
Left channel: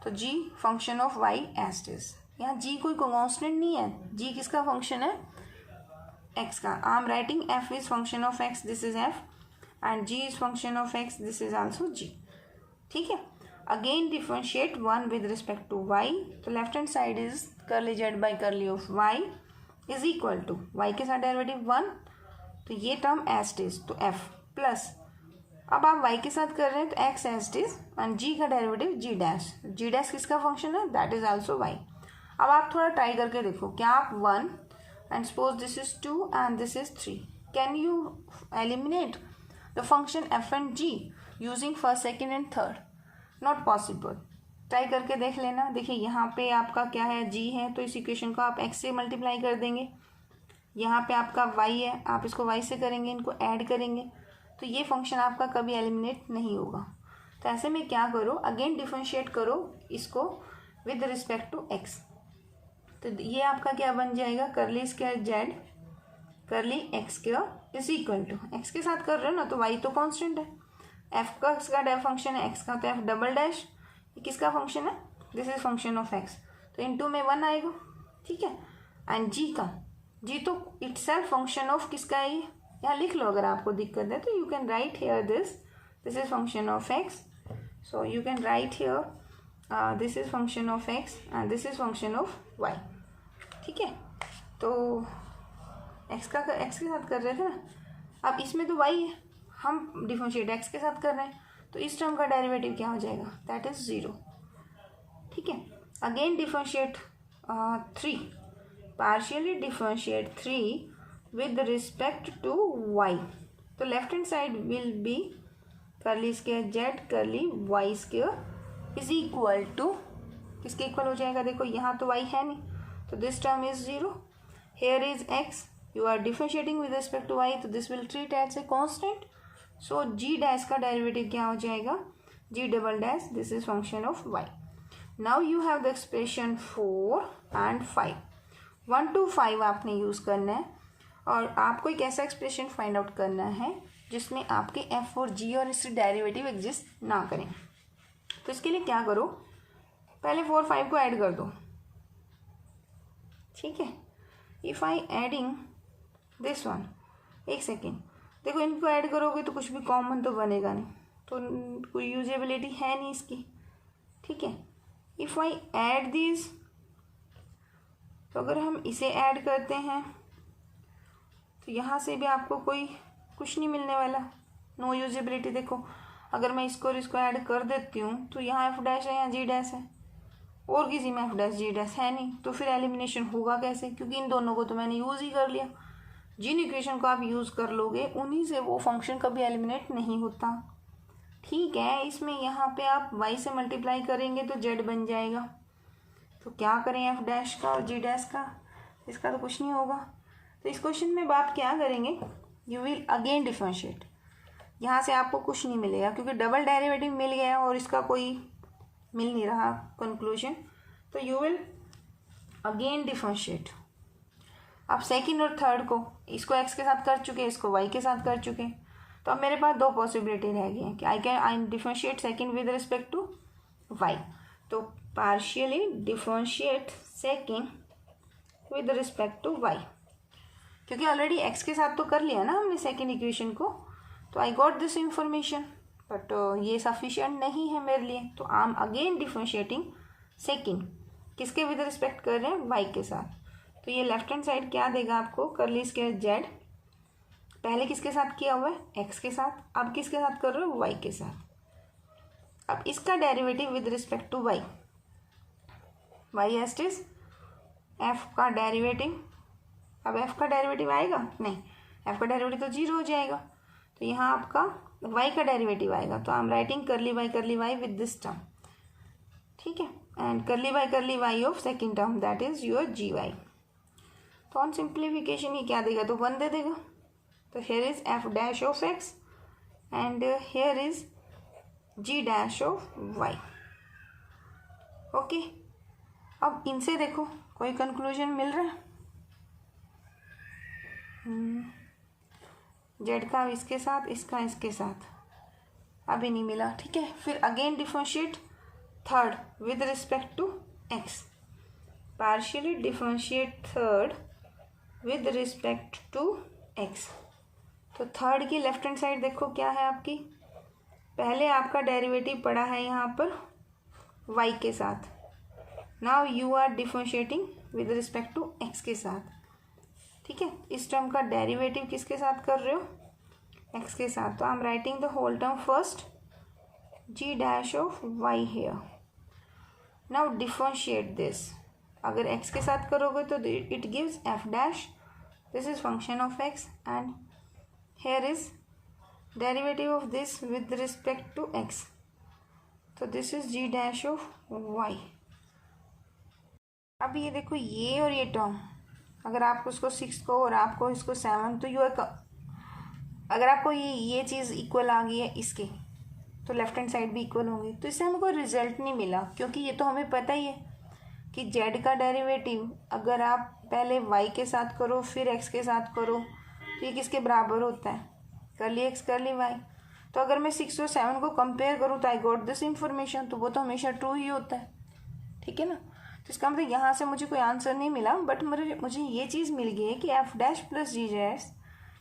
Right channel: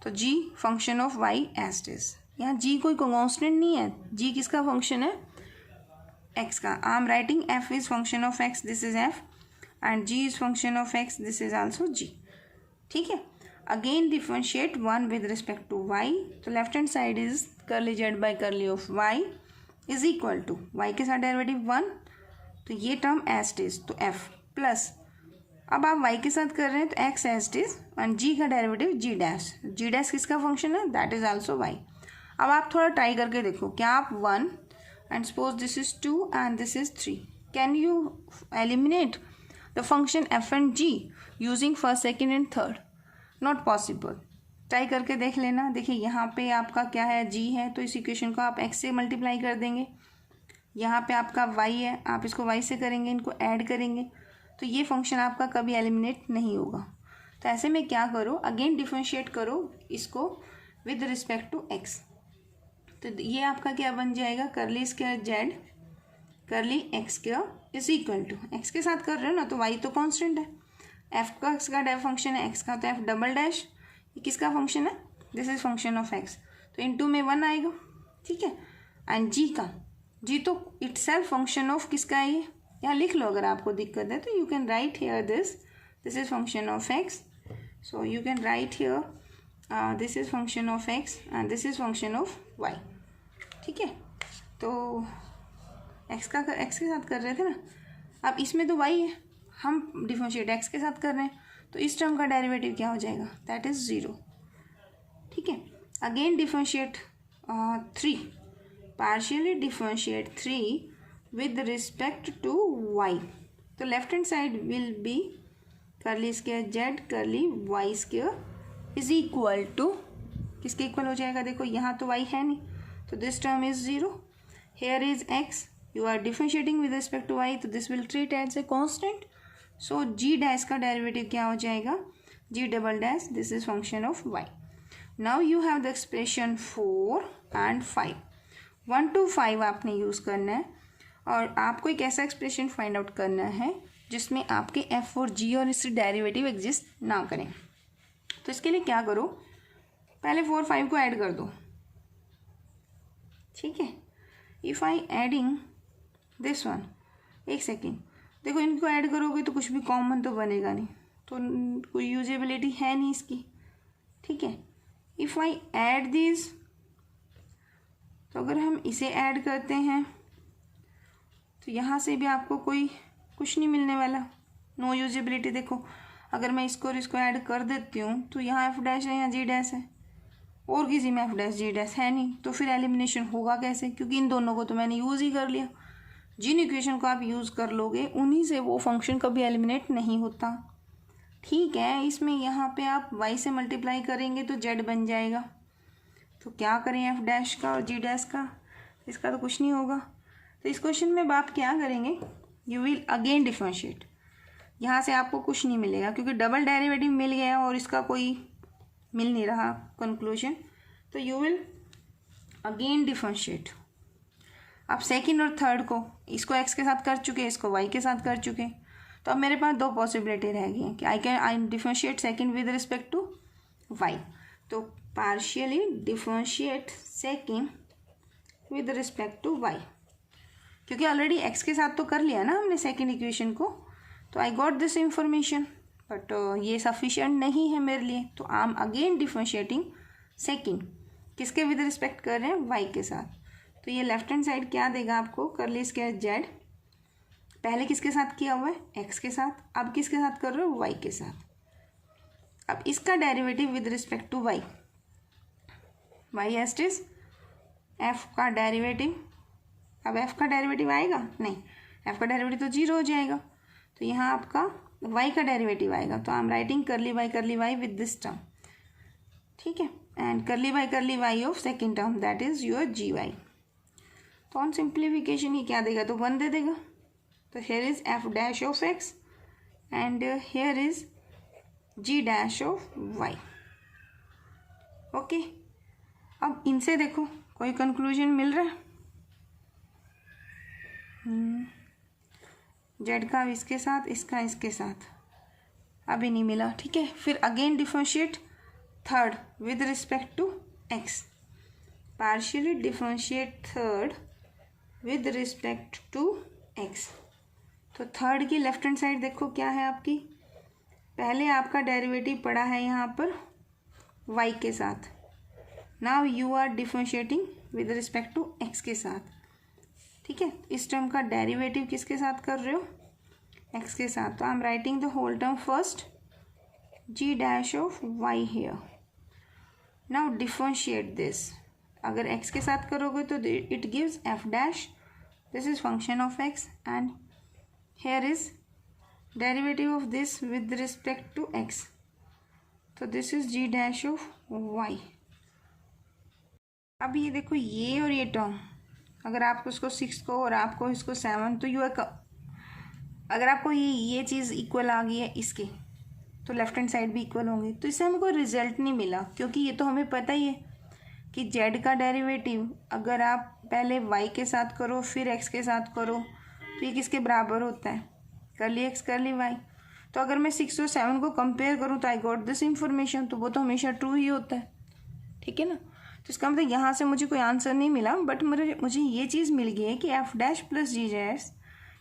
तो g function of y as it is. यहाँ g कोई कॉन्स्टेंट नहीं है, g किसका फंक्शन है, x का. I am writing f is function of x, this is f, and g is function of x, this is also g. ठीक है, again differentiate 1 with respect to y. तो left hand side is curly z by curly of y is equal to y के साथ derivative 1, तो ये term as it is, तो f plus, अब आप y के साथ कर रहे हैं तो x as it is, and g का derivative g dash. g dash किसका फंक्शन है, दैट इज आल्सो y. अब आप थोड़ा ट्राई करके देखो, क्या आप 1 and suppose this is 2 and this is 3, can you eliminate the function f and g using first second and third. Not possible. Try करके देख लेना. देखिए यहाँ पे आपका क्या है, g है, तो इस इक्वेशन को आप x से मल्टीप्लाई कर देंगे. यहाँ पे आपका y है, आप इसको y से करेंगे, इनको ऐड करेंगे, तो ये फंक्शन आपका कभी एलिमिनेट नहीं होगा. तो ऐसे में क्या करो, अगेन डिफरेंशिएट करो इसको विद रिस्पेक्ट टू एक्स। तो ये आपका क्या बन जाएगा, curly square z curly x square is equal to, x के साथ कर रहे हो ना तो वाई तो कांस्टेंट है, एफ का एक्स का फंक्शन है, एक्स का तो एफ डबल डैश, ये किसका फंक्शन है, this is function of x, तो इनटू में 1 आएगा, ठीक है। एंड जी का, जी तो इटसेल्फ फंक्शन ऑफ किसका है, ये यहाँ लिख लो अगर आपको दिक्कत है तो, you can write here this is function of x, so you can write here this is function of x and this is function of y, ठीक है। तो एक्स के साथ कर रहे थे ना, अब इसमें तो वाई है, हम डिफरेंशिएट एक्स के साथ कर रहे हैं, तो इस टर्म का डेरिवेटिव क्या हो जाएगा, दैट इज 0, ठीक है। Again differentiate 3, partially differentiate 3 with respect to y, तो left hand side will be curly square z curly Y square is equal to, किसके इक्वल हो जाएगा, देखो यहाँ तो वाई है नहीं, तो this term is 0, here is x, you are differentiating with respect to y, तो this will treat as a constant, so g dash का डेरिवेटिव क्या हो जाएगा, g double dash, this is function of y. Now you have the expression 4 and 5, 1 to 5 आपने use करना है, और आपको एक ऐसा एक्सप्रेशन फाइंड आउट करना है जिसमें आपके f और g और इससे डेरिवेटिव एग्जिस्ट ना करें। तो इसके लिए क्या करो, पहले 4 5 को ऐड कर दो, ठीक है। If I adding this one, एक सेकेंड, देखो इनको ऐड करोगे तो कुछ भी कॉमन तो बनेगा नहीं, तो कोई यूजेबिलिटी है नहीं इसकी, ठीक है। इफ़ आई ऐड दिस, तो अगर हम इसे ऐड करते हैं तो यहाँ से भी आपको कोई कुछ नहीं मिलने वाला, नो यूजेबिलिटी। देखो अगर मैं इसको और इसको ऐड कर देती हूँ तो यहाँ एफ डैश है, यहाँ जी डैश है, और किसी में एफ डैश जी डैश है नहीं, तो फिर एलिमिनेशन होगा कैसे, क्योंकि इन दोनों को तो मैंने यूज़ ही कर लिया। जिन इक्वेशन को आप यूज़ कर लोगे उन्हीं से वो फंक्शन कभी एलिमिनेट नहीं होता, ठीक है। इसमें यहाँ पे आप y से मल्टीप्लाई करेंगे तो z बन जाएगा, तो क्या करें एफ डैश का और जी डैश का, इसका तो कुछ नहीं होगा। तो इस क्वेश्चन में आप क्या करेंगे, यू विल अगेन डिफरेंशिएट, यहाँ से आपको कुछ नहीं मिलेगा क्योंकि डबल डेरिवेटिव मिल गया और इसका कोई मिल नहीं रहा कंक्लूजन, तो यू विल अगेन डिफरेंशिएट। अब सेकंड और थर्ड को, इसको x के साथ कर चुके, इसको y के साथ कर चुके, तो अब मेरे पास दो पॉसिबिलिटी रह गई हैं कि I differentiate second with respect to y, तो partially differentiate second with respect to y, क्योंकि ऑलरेडी x के साथ तो कर लिया ना हमने सेकंड इक्वेशन को, तो I got this information, but ये सफिशिएंट नहीं है मेरे लिए, तो I M again differentiating second, किसके विद रिस्पेक्ट कर रहे हैं, y के साथ। तो ये लेफ्ट हैंड साइड क्या देगा आपको, करली स्क्वायर जेड, पहले किसके साथ किया हुआ है, एक्स के साथ, अब किसके साथ कर रहे हो, वाई के साथ। अब इसका derivative with respect to y, y एस्ट इज एफ का डेरिवेटिव, अब एफ का डेरिवेटिव आएगा नहीं, एफ का डेरिवेटिव तो 0 हो जाएगा, तो यहाँ आपका वाई का डेरिवेटिव आएगा, तो I am writing curly y with this term, ठीक है, and curly y of second term that is your g y. तो ऑन सिंप्लीफिकेशन ये क्या देगा, तो 1 दे देगा, तो here is F dash of x and here is g dash of y, okay. अब इनसे देखो कोई कंक्लूजन मिल रहा है, जेड का इसके साथ, इसका इसके साथ, अभी नहीं मिला, ठीक है। फिर again differentiate third with respect to x, partially differentiate third with respect to x, तो थर्ड की लेफ्ट हैंड साइड देखो क्या है आपकी, पहले आपका डेरिवेटिव पड़ा है यहाँ पर y के साथ, now you are differentiating with respect to x के साथ, ठीक है। इस टर्म का डेरिवेटिव किसके साथ कर रहे हो, x के साथ, तो I am writing the whole term first, g dash of y here. Now differentiate this, अगर x के साथ करोगे तो it gives f dash, this is function of x and here is derivative of this with respect to x, तो this is g dash of y। अब ये देखो ये और ये टर्म, अगर आपको उसको 6 को और आपको इसको 7, तो यू अगर आपको ये चीज़ इक्वल आ गई है इसके, तो लेफ्ट हैंड साइड भी इक्वल होंगी। तो इससे हमें कोई रिजल्ट नहीं मिला, क्योंकि ये तो हमें पता ही है कि जेड का डेरिवेटिव अगर आप पहले वाई के साथ करो फिर एक्स के साथ करो तो ये किसके बराबर होता है, कर्ली एक्स कर्ली वाई। तो अगर मैं 6 और 7 को कंपेयर करूँ तो आई गॉट दिस इंफॉर्मेशन, तो वो तो हमेशा ट्रू ही होता है, ठीक है ना। तो इसका मतलब यहाँ से मुझे कोई आंसर नहीं मिला, बट मुझे ये चीज़ मिल गई है कि f dash plus g dash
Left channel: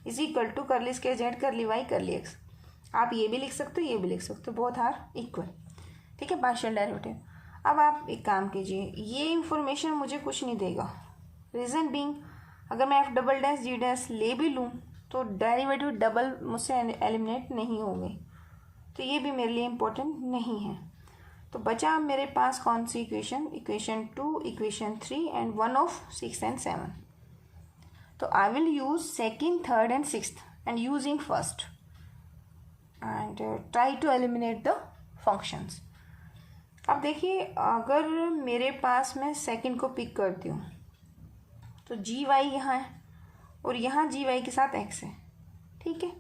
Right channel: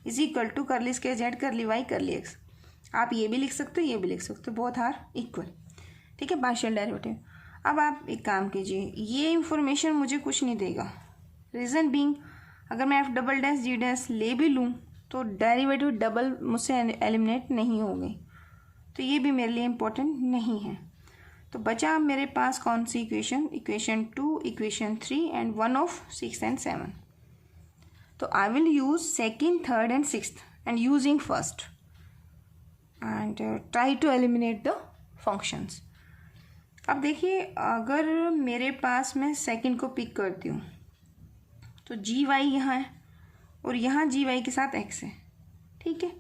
is equal to curly square Z curly y curly x. आप ये भी लिख सकते हो, ये भी लिख सकते हो, बोथ आर इक्वल, ठीक है, पार्शियल डेरिवेटिव। अब आप एक काम कीजिए, ये इंफॉर्मेशन मुझे कुछ नहीं देगा। रीज़न बीइंग, अगर मैं F double dash g dash ले भी लूँ तो डेरिवेटिव डबल मुझसे एलिमिनेट नहीं होंगे, तो ये भी मेरे लिए इम्पोर्टेंट नहीं है। तो बचा मेरे पास कौन सी equation, equation 2, equation 3 and 1 of 6 and 7। तो I will use second, third and sixth and using first and try to eliminate the functions. अब देखिए, अगर मेरे पास मैं सेकेंड को पिक करती हूँ तो जी वाई यहाँ है और यहाँ जी वाई के साथ एक्स है, ठीक है।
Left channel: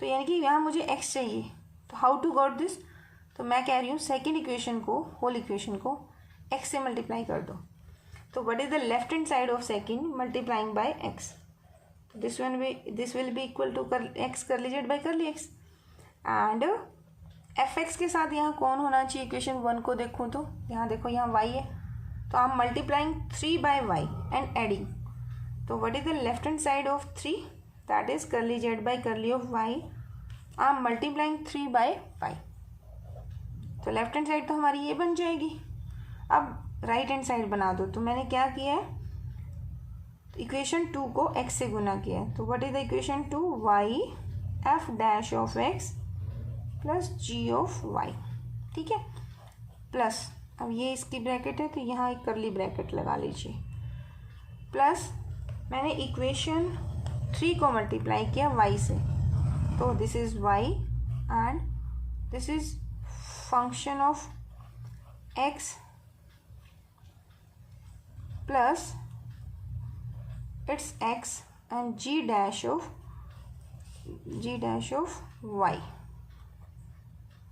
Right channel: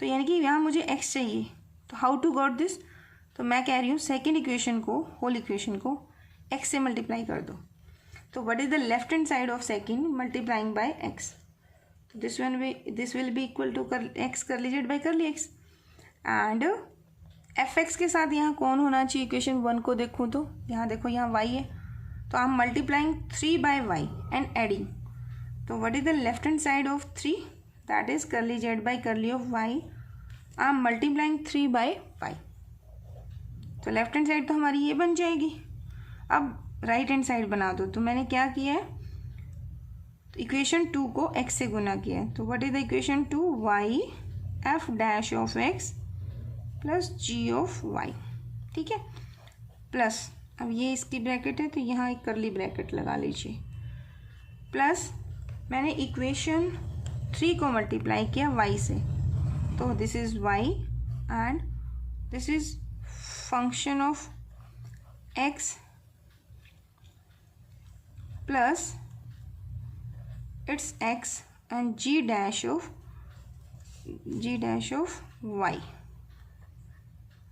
तो यानी कि यहाँ मुझे एक्स चाहिए, तो हाउ टू गॉट दिस, तो मैं कह रही हूँ सेकेंड इक्वेशन को, होल इक्वेशन को एक्स से मल्टीप्लाई कर दो। तो what is the left hand side of second multiplying by x, तो this will be equal to x curly z by curly x. And f x के साथ यहाँ कौन होना चाहिए, इक्वेशन 1 को देखूँ तो यहाँ देखो, यहाँ वाई है, तो I am multiplying 3 by y and adding. तो what is the left hand side of 3, that is curly z by curly of y, I am multiplying 3 by y. तो लेफ्ट हैंड साइड तो हमारी ये बन जाएगी। अब राइट हैंड साइड बना दो, तो मैंने क्या किया है, इक्वेशन 2 को x से गुना किया है। तो what is the equation 2, y f dash of x plus g of y, ठीक है, प्लस अब ये इसकी ब्रैकेट है तो यहाँ एक कर्ली ब्रैकेट लगा लीजिए, प्लस मैंने इक्वेशन 3 को मल्टीप्लाई किया y से, तो this is y and this is function of x plus it's x and g dash of y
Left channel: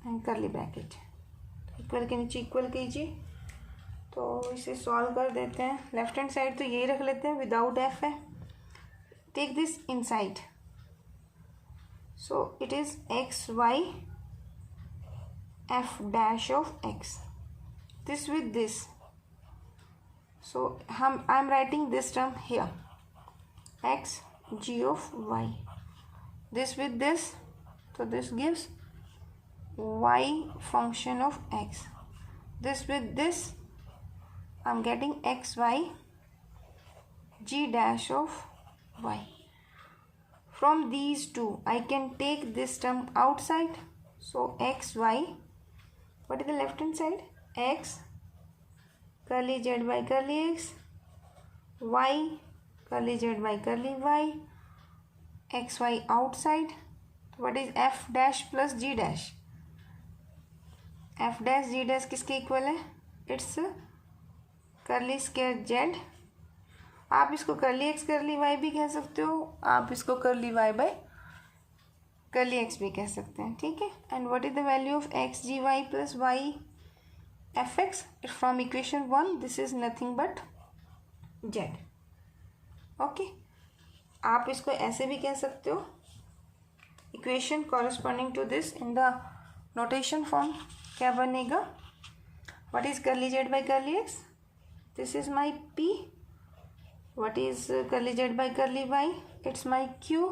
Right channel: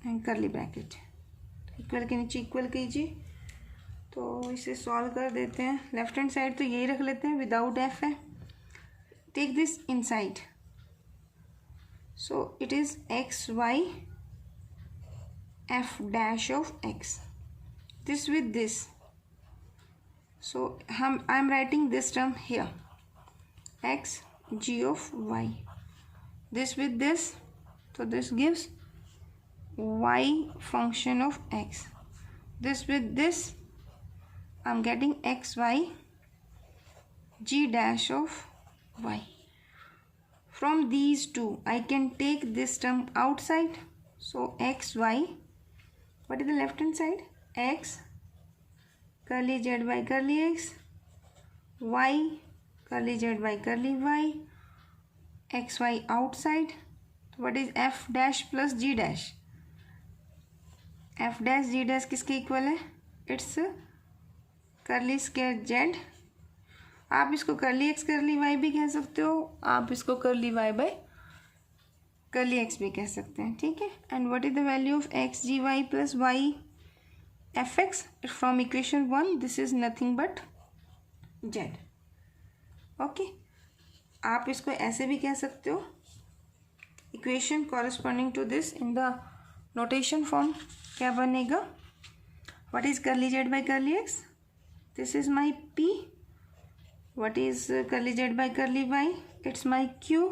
and curly bracket, equal के नीचे इक्वल कीजिए। तो इसे सॉल्व कर देते हैं। लेफ्ट हैंड साइड तो यही रख लेते हैं, विदाउट f है, take this inside, so it is x y f dash of x, this with this, so I am writing this term here, x g of y, this with this, so this gives y function of x, this with this I'm getting x y g dash of y. From these two I can take this term outside, so x y, what is the left hand side, x curly z by curly x, y curly z by curly y, x y outside, what is f dash plus g dash, f dash g dash किसके equal है, it's curly square z. आप इसको curly x curly y भी कह सकते हो, आप इसको curly y by curly x भी कह सकते हैं, ठीक है। And what is the value of x g y plus y fx from equation 1, this is nothing but z, okay। आप इसको ऐसे भी कह सकते हो, equation corresponding to this in the notation form क्या बनेगा, what is curly z by curly x, this is my p, what is curly z by curly y, it's my q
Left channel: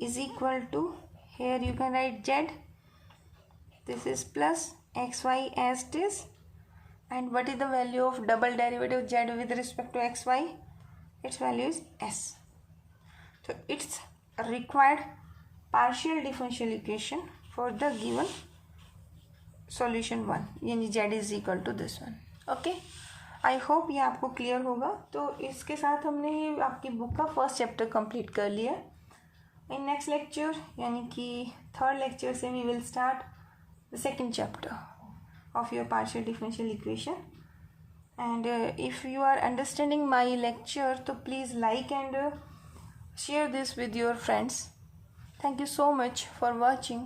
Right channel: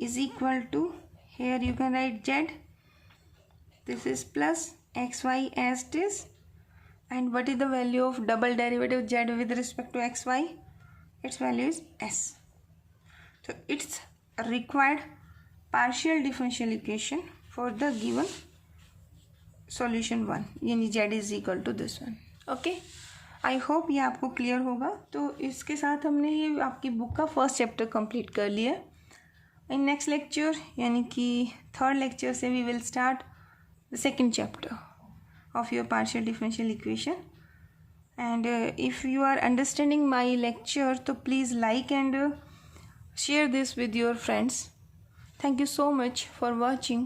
is equal to, here you can write z, this is plus xy as it is, and what is the value of double derivative z with respect to xy, its value is s. So it's a required partial differential equation for the given solution 1, यानी z is equal to this one, okay। I hope ये आपको clear होगा। तो इसके साथ हमने ये आपकी बुक का फर्स्ट चैप्टर कंप्लीट कर लिया। इन नेक्स्ट लेक्चर यानी कि थर्ड लेक्चर से we will start the second chapter of your partial differential equation, and if you are understanding my lecture, so please like and share this with your friends. Thank you so much for watching.